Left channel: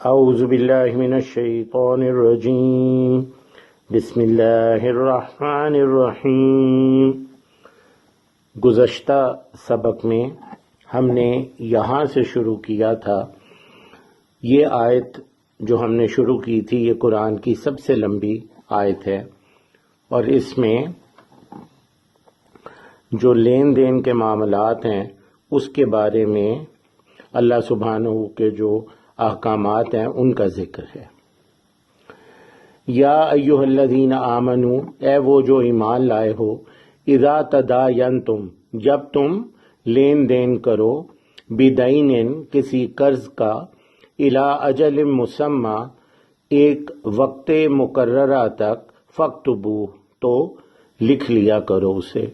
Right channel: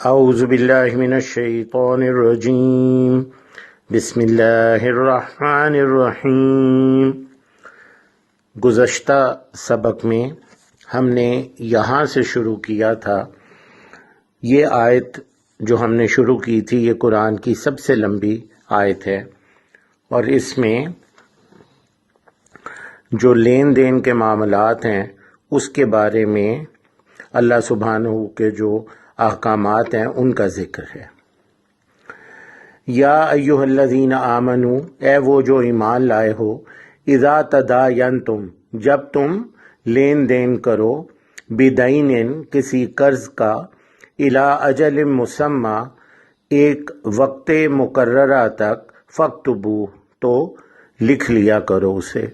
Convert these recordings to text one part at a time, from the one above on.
اعوذ باللہ من الشیطان الرجیم بسم اللہ الرحمن الرحیم۔ گزشتہ سبق میں ہم نے یہاں سے شروع کیا تھا۔ یہ آیت جو ہم نے شروع کی تھی یہ قرآن کی سب سے لمبی آیت ہے، اور اس میں جو لین دین کے معاملات ہیں اس کے بارے میں اللہ سبحانہ کے جو احکامات ہیں ان کا ذکر ہے۔ یا ایھا الذین آمنوا، اے وہ جو ایمان لائے ہو، اذا تداینتم، جب تم لین دین کرو، بدین، کسی قرض کا، الی اجل مسمی، ایک وقت مقررہ تک، فاکتبوہ، تو لکھ لیا کرو اسے،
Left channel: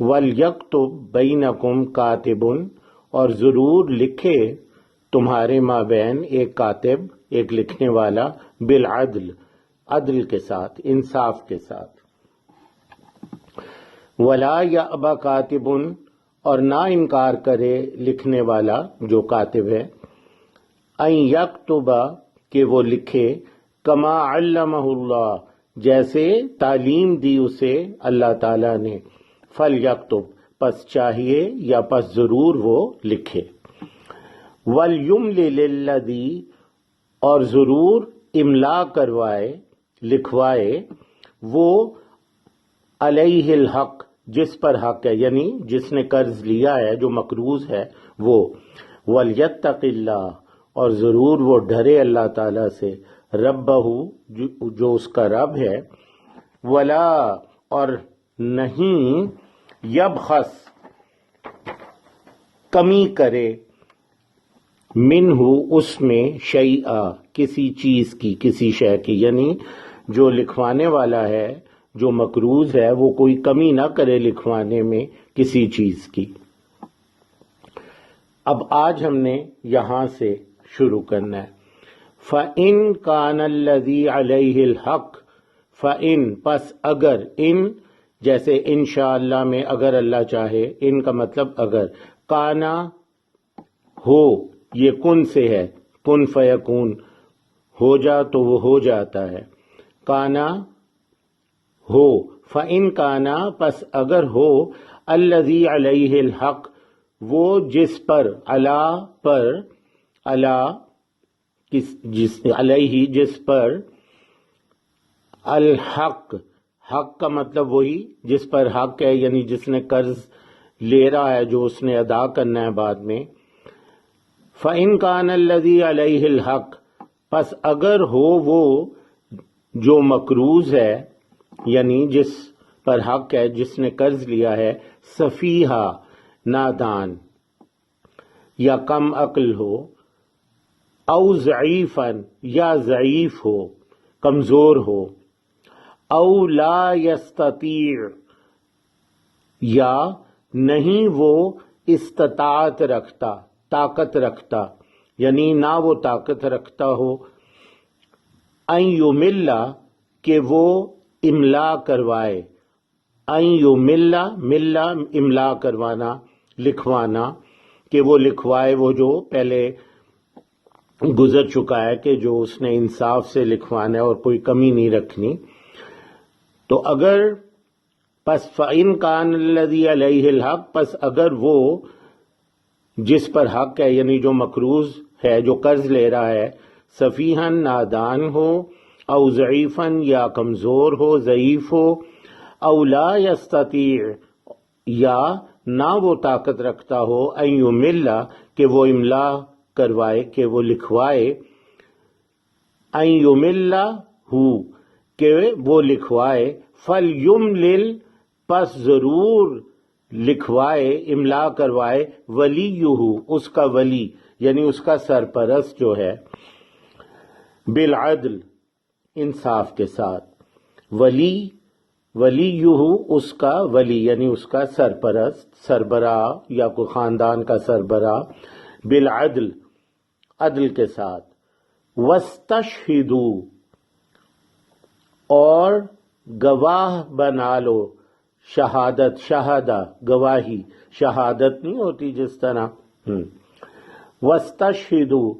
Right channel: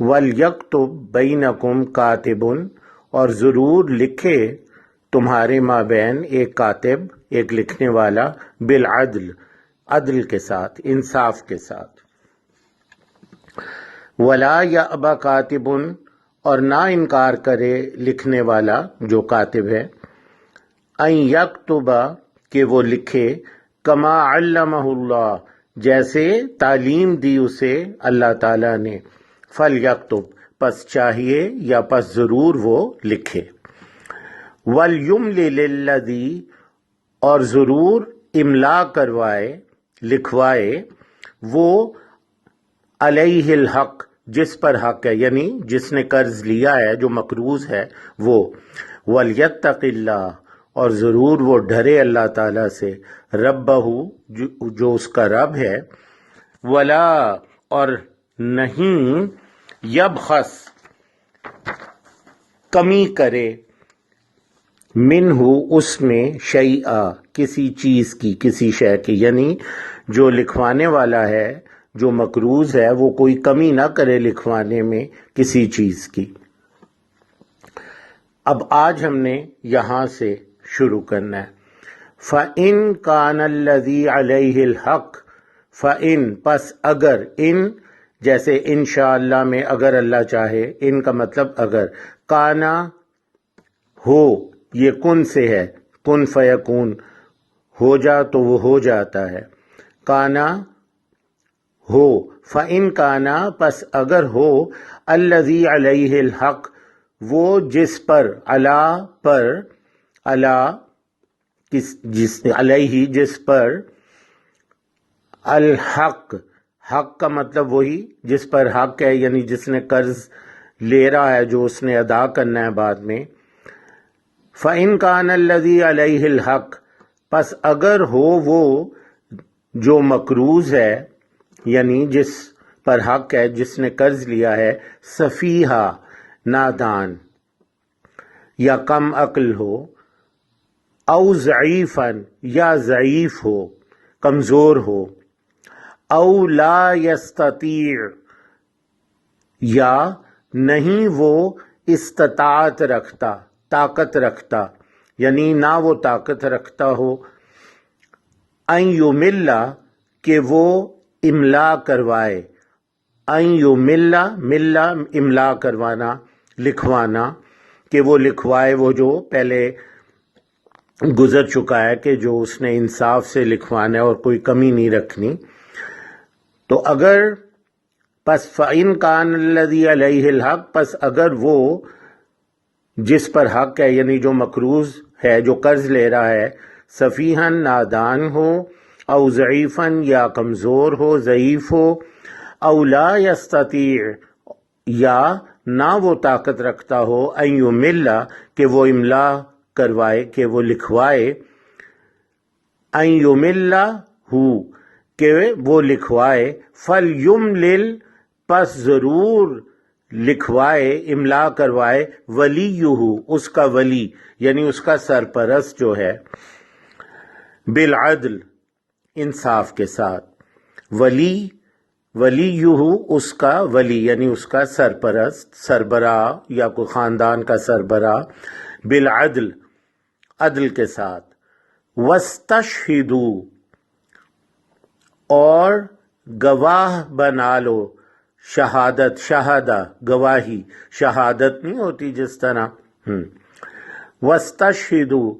وَلْيَکْتُب بَیْنَکُمْ کاتب، اور ضرور لکھے تمہارے مابین ایک کاتب، ایک لکھنے والا، بالعدل، عدل کے ساتھ، انصاف کے ساتھ۔ وَلَا یَأْبَ کاتب، اور نہ انکار کرے لکھنے والا جو کاتب ہے، ان یکتب، کہ وہ لکھے، کما علمہ اللہ، جیسے تعلیم دی اسے اللہ تعالیٰ نے، فلیکتب، پس چاہیے یا پس ضرور وہ لکھے، وَلْيُمْلِلِ الَّذِی، اور ضرور املا کروائے، لکھوائے، وہ علیہ الحق، جس پر حق ہے، یعنی جس نے قرض لیا ہے، جو مقروض ہے وہ، وَلْيَتَّقِ اللَّهَ، اور ضرور وہ ڈرے اللہ تعالیٰ سے، ربہ، جو اس کا رب ہے، ولا، اور نہیں، یبخس، کمی کرے، منہ، اس میں، شیئا، کسی چیز کی، کسی شے کی، یعنی جو لکھوانے والا ہے، جو مقروض ہے، وہ کوئی کمی نہ کرے لکھوانے میں کسی چیز کی۔ اب آج ہم نے یہاں سے شروع کرنا ہے۔ فَإِن كَانَ الَّذِي عَلَيْهِ الْحَقُّ، فَإِن، پس اگر، ان جیسے انشاءاللہ میں اگر اللہ چاہے، ان کا مطلب اگر، کانا، ہو، یہ کن سے ہے، کن فیکون، ہو جا تو وہ ہو جاتا ہے، کانا، ہو، فَإِن کانا، پس اگر ہو، الَّذِی عَلَیہ الْحَقُّ، وہ جس پر، علا پر، علا، جس علیہ، جس پر، الحق، حق کا مطلب وہی جس پر حق ہے، یعنی جس نے قرض لے رہا ہے، جو اس نے ادا کرنا ہے بعد میں۔ فَإِن كَانَ الَّذِي عَلَيْهِ الْحَقُّ، پس اگر ہو وہ جو مقروض ہے، یعنی جس پر حق ہے، جس نے قرض لیا ہے، سفیہا، نادان، یا کم عقل ہو، او ضعیفاً، یا ضعیف ہو، کمزور ہو، او لا یستطیع، یا نہیں وہ استطاعت رکھتا، طاقت رکھتا، یعنی نہ وہ طاقت رکھتا ہو، ان یمل، کہ وہ املا کروائے، ان یمل، مل، املا کروانا، لکھوانا، کہ وہ لکھوائے، وہ جو پہلے گزر چکا ہے کہ جو اس نے انصاف سے لکھوانا ہے اور کوئی کمی نہیں رکھنی۔ تو اگر، پس فَإِن كَانَ الَّذِي عَلَيْهِ الْحَقُّ، پس اگر وہ جس پر حق ہے، یعنی جو مقروض ہے، جو قرض لے رہا ہے، سفیہن، نادان ہو، او ضعیفن، یا کمزور ہو، ضعیف ہو، او لا یستطیع، یا نہ وہ طاقت رکھتا ہو، ان یمل، کہ وہ املا کروائے، کہ وہ لکھوائے، ان یمل ہو، کہ وہ لکھوائے، فَلْيُمْلِلْ، پس ضرور لکھوائے، املا کروائے، ولیہ، اس کا ولی، یعنی اس کا سرپرست جو ہے، بالعدل، انصاف کے ساتھ، ولیہ، اس کا ولی، یعنی اس کا سرپرست، سربراہ، یا کوئی خاندان کا سربراہ، بالعدل، عدل کے ساتھ، وَاسْتَشْهِدُوا، اور گواہ بنا لو، شہادت، شہادہ، گواہی، شہادت نہیں ہوتی جس طرح، وَاسْتَشْهِدُوا،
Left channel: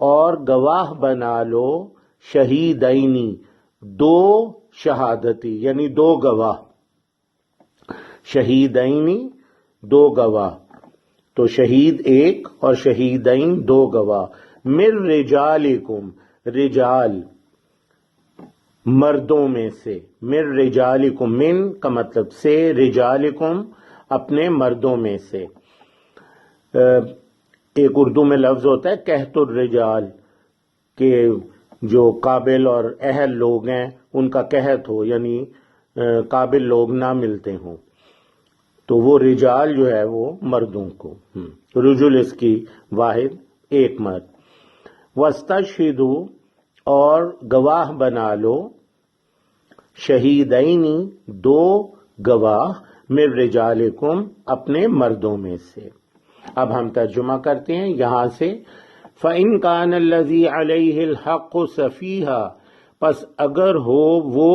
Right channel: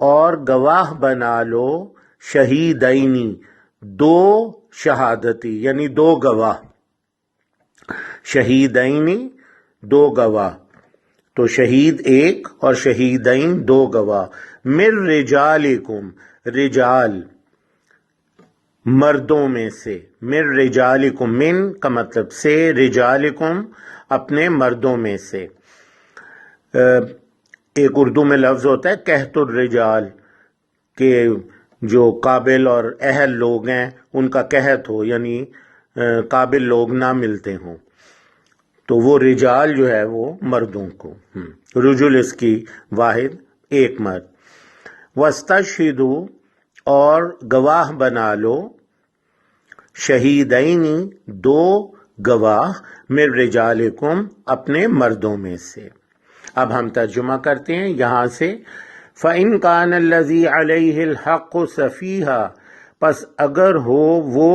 اور گواہ بنا لو شہیدینی دو شہادتی یعنی دو گواہ، شہیدینی دو گواہ، تو شہید ایک اور شہیدین دو گواہ، من رجالکم رجال مردوں میں سے، من رجالکم من کا مطلب سے، رجالکم اپنے مردوں میں سے۔ ایک اردو میں لفظ ہوتا ہے قحط الرجال کہ جو قابل اور اہل لوگ ہیں ان کا قحط ہو، یعنی قابل لوگ نہ ملتے ہوں، تو وہ رجال جو ہے وہ مردوں کو، رجل اس کی واحد ایک مرد۔ وَاسْتَشْهِدُوا اور گواہ بنا لو شہیدینی دو گواہ، من رجالکم اپنے مردوں میں سے۔ اب ہم ترجمہ کرتے ہیں یہاں سے۔ فَإِنْ كَانَ الَّذِي عَلَيْهِ الْحَقُّ سَفِيهًا پس اگر ہو وہ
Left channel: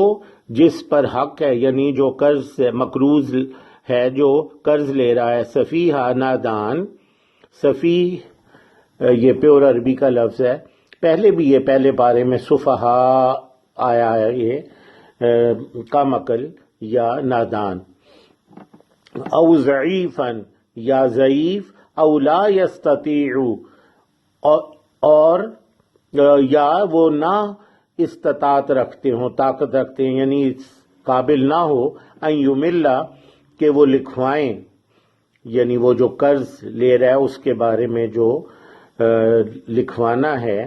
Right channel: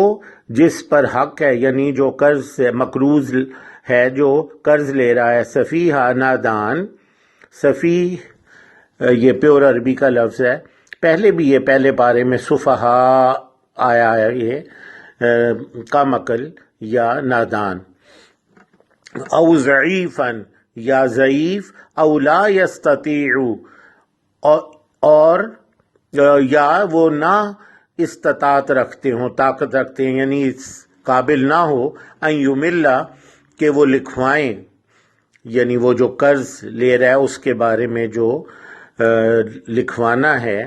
جس پر حق ہے، یعنی جو قرض سے مقروض ہے، جو قرض لے رہا ہے، سفیہا نادان، سفیہ یہ پیور عربی کا لفظ ہے، پہلے بھی یہ پہلے پارے میں سفہا آیا ہے، یہ کم عقل یا نادان، او ضعیفاً یا ضعیف، او لا یستطیع اور یا وہ نہ استطاعت رکھتے ہوں، طاقت رکھتے ہیں، یعنی اس قابل نہ ہو ان یملا کہ وہ لکھوائیں، یعنی وہ جو قرض لے رہا ہے اس کے بارے میں جو لکھوانا ہے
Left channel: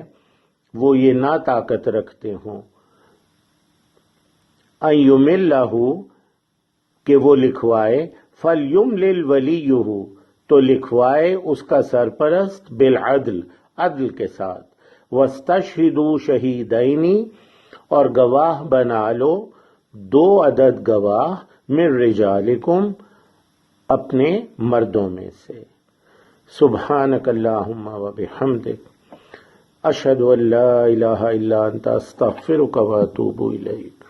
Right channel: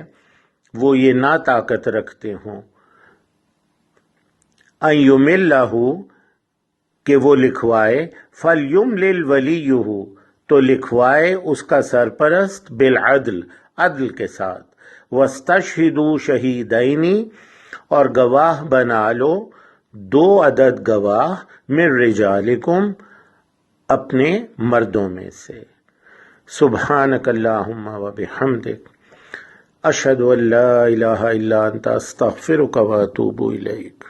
وہ یہ نہ طاقت رکھتے ہوں، ان یملہ کہ وہ لکھوائے، فلیملل ولیہ تو لکھوائے اس کا سرپرست، بالعدل عدل کے ساتھ، واستشہدوا شہیدینی اور گواہ بنا لو دو عدد گواہ، من رجالکم اپنے مردوں میں سے۔ سبحانک اللہم و بحمدک اشہد ان لا الہ الا انت استغفرک و اتوب الیک۔